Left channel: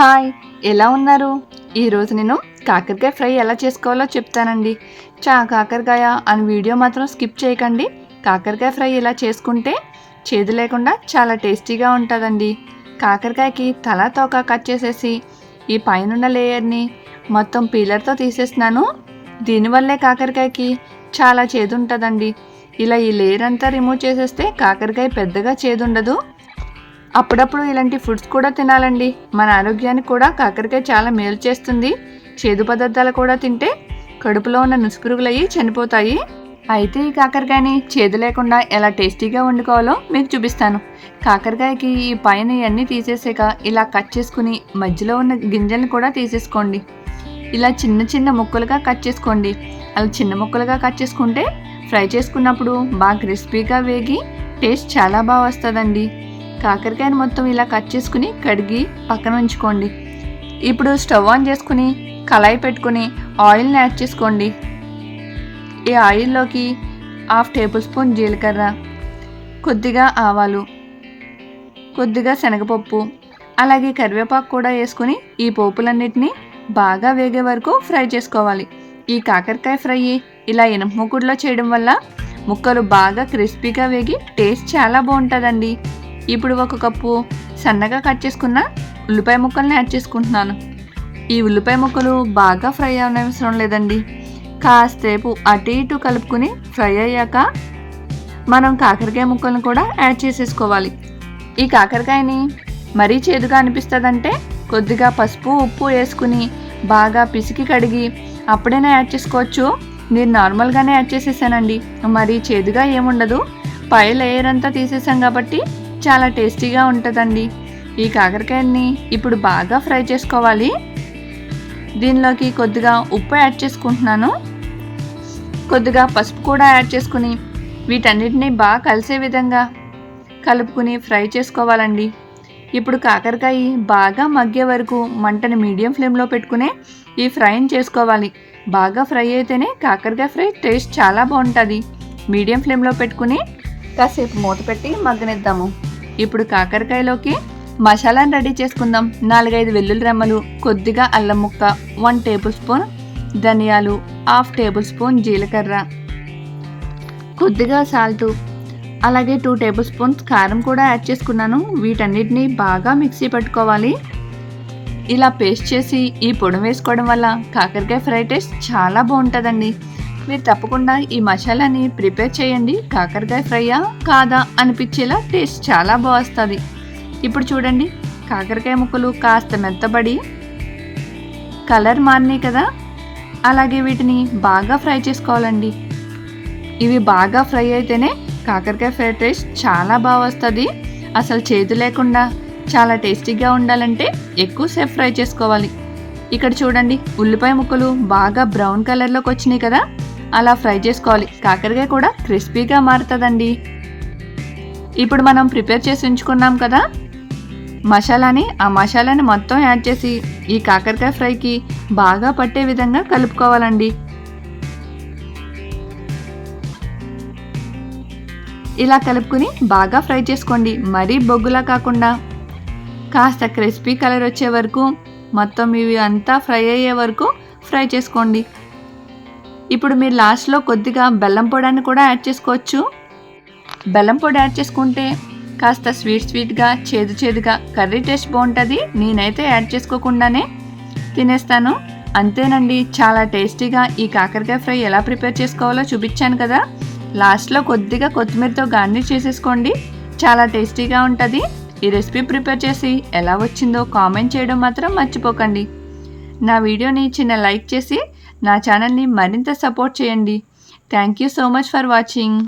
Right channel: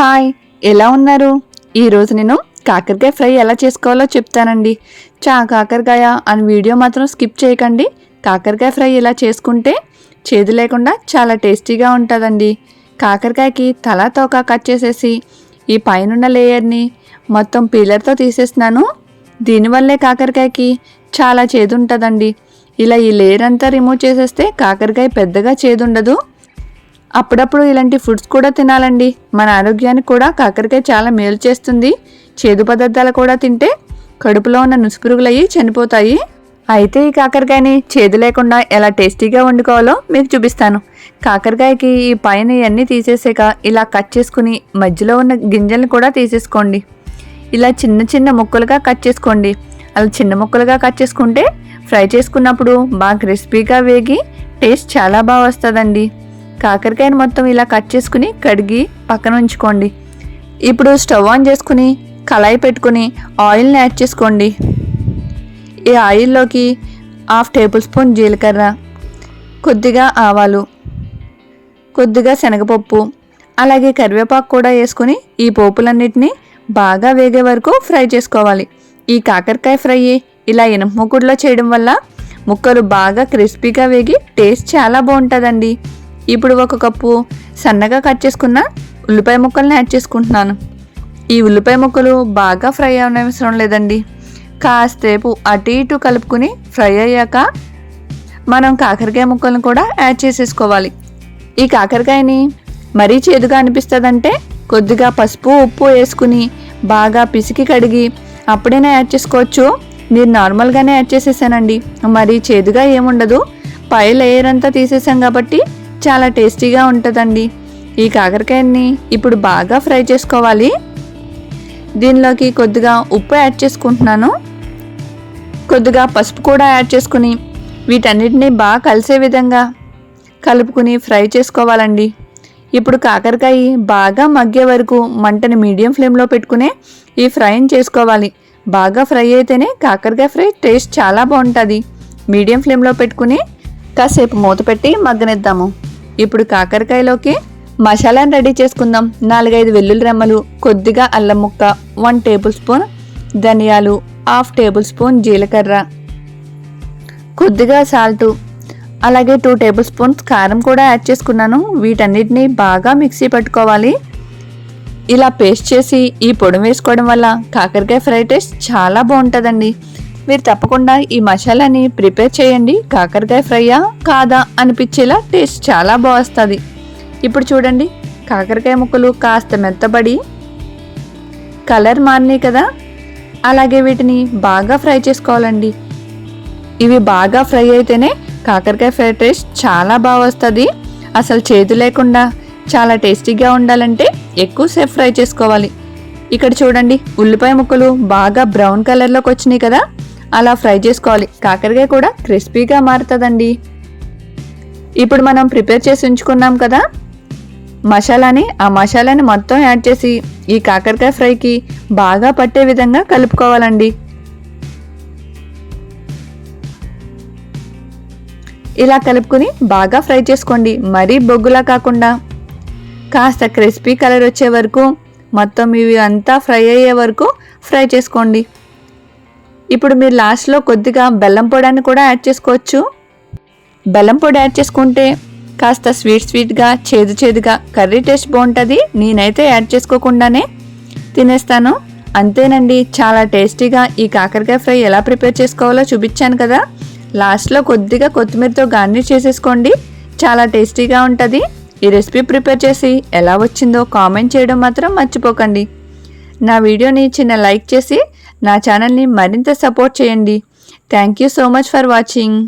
Hi, ఎలా ఉన్నారు? ఈరోజు నేను కాకరకాయ ఫ్రై ఎలా చేసుకోవాలో చెప్తానండి. కాకరకాయ అని వీడియో మాత్రం స్కిప్ చేయకండి. కాకరకాయ ఫ్రై ఇలా చేసుకుంటే చేదు లేకుండా చాలా టేస్టీగా ఉంటుందండి. కాకరకాయకి తల తోక కట్ చేసేసి ఈ పైనున్న లేయర్ని మొత్తం పీలర్తో తీసేస్తున్నాను. దీనివల్లే కాకరకాయకి చాలా చేదు ఉంటుందండి. ఇలా ఈ లేయర్ అంతా రిమూవ్ చేసేస్తే కాకరకాయ పెద్దగా చేదు ఉండదు. అప్పుడప్పుడు ఇలాంటి ఫుడ్స్ కూడా తినాలండి. మన ఆరోగ్యానికి కూడా కాకరకాయ చాలా మేలు చేస్తుంది. చేదు పదార్థాలు కూడా తింటే కడుపులో ఉన్న నుసుపురుగులయ్యి చనిపోతాయి. అయితే ఈ కాకరకాయని చేదు లేకుండా ఎలా టేస్టీగా వండుకోవాలో మీకు చూపిస్తాను. కాకరకాయకి ఈ పైన ఇవన్నీ తీసేసాక ఇలా కట్ చేసుకుని మధ్యలో ఉన్న గింజలను కూడా తీసేసుకోండి. ఇలా చిన్న చిన్న ముక్కలుగా కట్ చేసుకోండి. అలా చిన్న ముక్కలుగా కట్ చేసుకుంటే ఫ్రై చేసుకున్నప్పుడు బాగా క్రిస్పీగా వేగి టేస్ట్ చాలా బాగా వస్తుందండి. కాకరకాయని మొత్తం ఇలా కట్ చేసుకుని కడిగి పక్కన ఉంచుకోండి. ఇప్పుడు స్టవ్ ఆన్ చేసుకుని కళాయి పెట్టుకుని ఆయిల్ని యాడ్ చేసుకోండి. ఈ ఆయిల్లోకి 1/2 టేబుల్ స్పూన్ జీలకర్ర, కొద్దిగా ఆవాలు, కొద్దిగా శనగపప్పు, అలాగే కరివేపాకు కూడా వేసుకుని ఈ పోపులన్నిటినీ బాగా వేగే వరకు ఫ్రై చేసుకోవాలి. ఈ కాకరకాయ ఫ్రై ఇలా ఇనుప మూకుడులో చేయడం వల్ల ముక్కలు బాగా క్రిస్పీగా వేగి టేస్ట్ చాలా బాగుంటుందండి. ఇప్పుడు 1 కప్పు సన్నగా కట్ చేసుకున్న ఉల్లిపాయ ముక్కల్ని యాడ్ చేసుకుంటున్నాను. ఈ ఉల్లిపాయ ముక్కలు బాగా ఫ్రై అవసరం లేదండి. కాసేపు అటు ఇటు కలుపుకుని ఫ్రై అయ్యాక మనం కాకరకాయ ముక్కలను కూడా యాడ్ చేసేసుకోవాలి. ఈ కాకరకాయని మరీ చేదుగా అనిపిస్తుందంటే కొద్దిగా పసుపు ఉప్పు వేసుకుని బాగా పిసికి కడిగి అప్పుడైనా యాడ్ చేసుకోవచ్చు. నేను నార్మల్గానే యాడ్ చేసేసానండి. మరీ చేదుగా ఏముండదు. పై లేయర్ అంతా తీసేసాం కాబట్టి చాలా టేస్టీగా ఉంటుందండి. ఈ కాకరకాయని ఇప్పుడు బాగా ఫ్రై చేసుకోవాలి. దీనిలోకి కొద్దిగా ఉప్పు యాడ్ చేసుకుంటున్నాను. కొద్దిగా పసుపు కూడా యాడ్ చేసుకుని వీటన్నిటిని బాగా కలిసే విధంగా కలుపుకుని ఫ్రై చేసుకోవాలండి. ఇప్పుడు కాకరకాయ బాగా మగ్గే వరకు మంటని మీడియం ఫ్లేమ్లో పెట్టుకుని ఈ ఫ్రైని చేసుకోవాలి. బాగా ఫ్రై అయితేనే కాకరకాయ ఫ్రై టేస్ట్ చాలా బాగుంటుంది. మీడియం ఫ్లేమ్లో పెట్టుకుని కాసేపు మూత పెట్టి మగ్గనిద్దాము. ఇప్పుడు కాకరకాయలోకి మసాలాను రెడీ చేసుకుందాం. 4-5 వెల్లుల్లి రెమ్మలు, కొద్దిగా అల్లం ముక్క, 1 టేబుల్ స్పూన్ ధనియాలు, 1/2 టేబుల్ స్పూన్ జీలకర్ర, కొద్దిగా సాల్టు, అలాగే 2 టేబుల్ స్పూన్స్ కారం కూడా యాడ్ చేసుకున్నాను. వీటన్నిటిని బాగా మిక్సీ పట్టుకోవాలి. ఇలా పేస్ట్ చేసి ఈ పొడి వేసుకోవడం వల్ల కాకరకాయ ఫ్రై టేస్ట్ చాలా బాగుంటుందండి. మీరు తప్పకుండా ఈ మసాలాని ప్రిపేర్ చేయండి. కాకరకాయ ఫ్రైయా కాదా అనిపించేలా టేస్ట్ చాలా బాగుంటుంది. ఇప్పుడు చూడండి, కాకరకాయ ముక్కలు కాస్త మెత్తబడి కలర్ మారినాయి కదా. అలాగే వీటిని బాగా ఫ్రై చేసుకోవాలండి. ఇవి బాగా ఫ్రై అయితేనే కాకరకాయ ఫ్రై టేస్ట్ చాలా బాగా వస్తుంది. అసలు చేదు లేకుండా చాలా టేస్టీగా ఉండాలంటే ఎక్కువసేపు ఫ్రై చేసుకోవాలి. ఇక్కడ చూడండి, ఉల్లిపాయ ముక్కలు బాగా బ్రౌన్ కలర్లోకి వచ్చినాయి కదా. అలా ఫ్రై చేసుకోవాలి. కాకరకాయ కూడా క్రిస్పీగా మారుతుందండి. ఇప్పుడు మనం ప్రిపేర్ చేసి ఉంచుకున్నాం కదా ఆ మసాలాని మొత్తం యాడ్ చేసి ఈ కాకరకాయ ఫ్రైకి బాగా పట్టే విధంగా కలుపుకోవాలండి. ఇలా కలుపుకుని బాగా ఫ్రై చేసుకోండి. మరీ బొగ్గులా కాకుండా కాస్త క్రిస్పీ కలర్ వచ్చే వరకు మొత్తం ఇవి అంతా ఫ్రై అయ్యే వరకు ఫ్రై చేసుకోండి. ఇప్పుడు మీరు లాస్ట్లో కొద్దిగా బెల్లం పొడిని కూడా యాడ్ చేసుకోవచ్చు. బెల్లం పొడి యాడ్ చేసుకుంటే కాస్త స్వీట్గా చేదుగా కర్రీ టేస్ట్ బాగుంటుంది. నేనైతే యాడ్ చేసుకోకుండానే తినేస్తాను. అంతేనండి, చాలా టేస్టీగా ఈ కాకరకాయ ఫ్రై ఎలా ప్రిపేర్ చేసుకోవాలో చూపించాను కదా. లాస్ట్లో కొద్దిగా కొత్తిమీరతో గార్నిష్ చేసేసుకోండి. చాలా టేస్టీగా ఉంటుంది. ఈ రెసిపీ ప్రిపేర్ చేసి ఎలా వచ్చిందో కామెంట్ చేయడం మాత్రం మర్చిపోకండి. నా వీడియోని చిన్న లైక్ చేసి నా ఛానల్ని మరింత సపోర్ట్ చేయండి. Thank you so much for watching.